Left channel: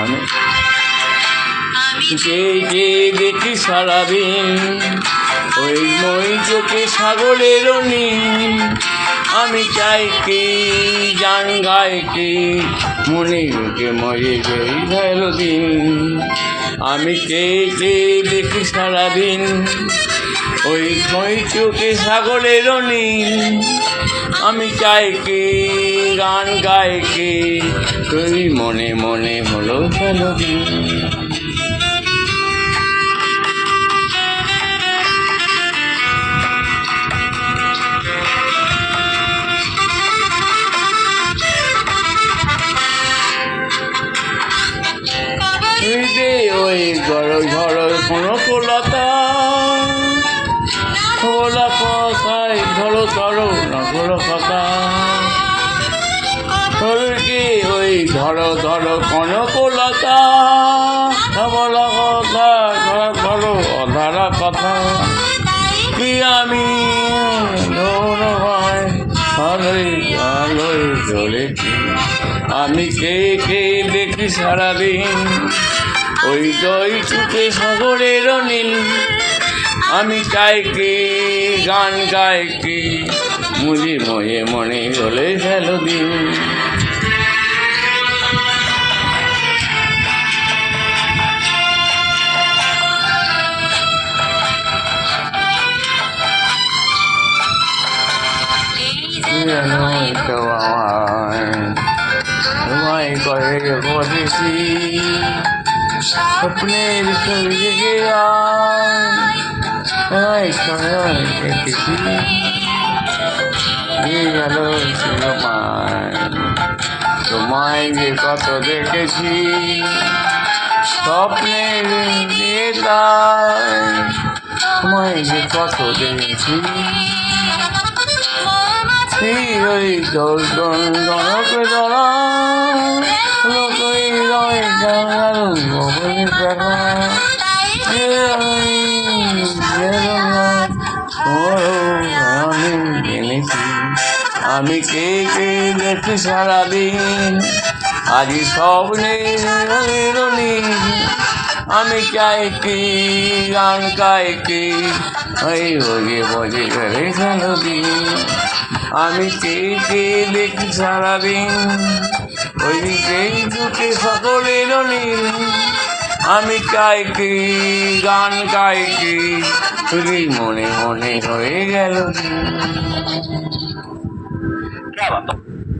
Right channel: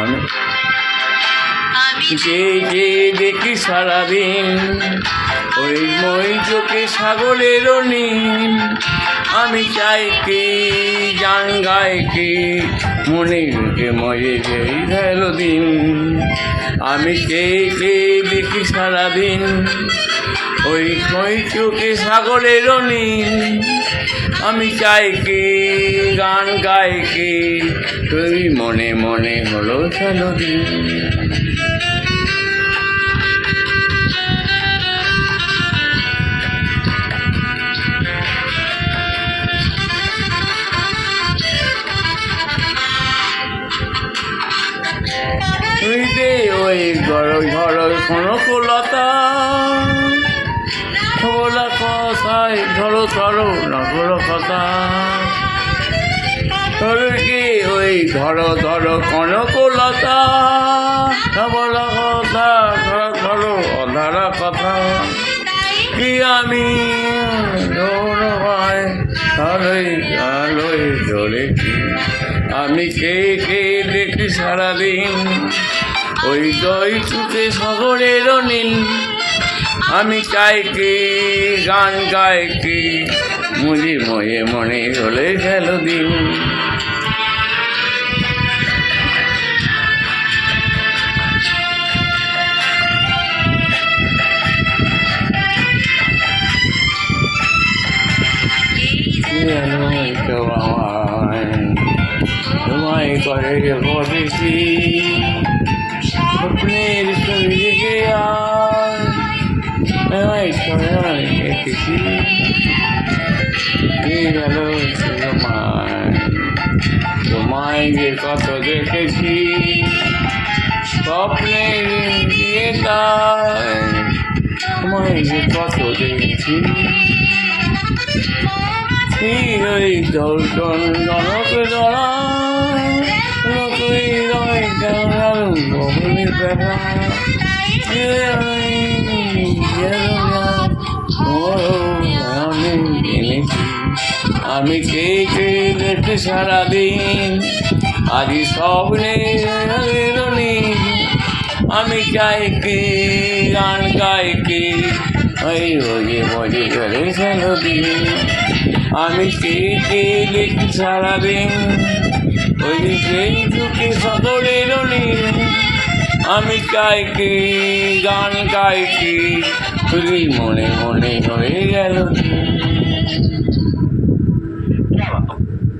আমি যে দেখি সারাদিন ওই মই চোখে সাগরের নীল, আমি চাই কি গান গাই কি মনে রেখে মরে যেই গেল দিন। আমি কে দেখি সারাদিন ওই মই চোখে সাগরের নীল, আমি চাই কি গান গাই কি তুই মনে মনে হলো গেল দিন। ওই ঝড় কোনো কলতা বলা কথায় ধরো ধরো নগর কথা কি ওই ধরো ধরো কোনো কলতা বলা কথা ধরো ধরো অধারা কথা কি আমি ধরো ভাই ভালোই ভালোই চলেছি। আমি কে দেখি সারাদিন ওই দই চুকে সাগরের নীল, আমি চাই কি গান গাই কি মুজি ময়ে মনে হলে গেল দিন। তোমায় করে বলেছি স্বপ্নের সঙ্গে দেখেছি গেল তোমায় যে কত দেখেছি স্বপ্নের তোমায় যে কত দেখেছি। ওই দর্শন জনক ধরা লোকই রয় গগনের দেখা আমি এনেছি। আমি কে দেখি সারাদিন আজ স্বপ্নের নীল, আমি চাই কি গান গাই কি ওই বজে বজে গেলে গেল দিন। আমি কে দেখি সারাদিন ওই সেই দুটি সকলের নীল, আমি চাই কি গান গাই কি তুই মনে মনে হয়ে গেল।